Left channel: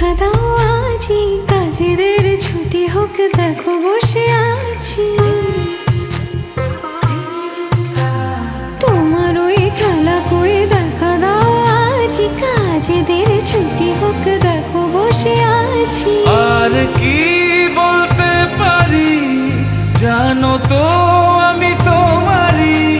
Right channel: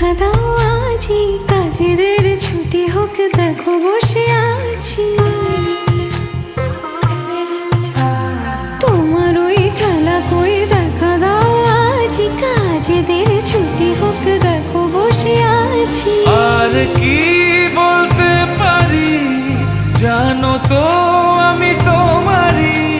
দেখা দাও আজই, কাজেদের ছুটি হোক দেখো বসে আছি। তোমার ওই খেলা কই দেখা দাও আজই, কাজেদের ছুটি হোক দেখো বসে আছি। আর কি বলতে পারি জানো তো, আমি তোমার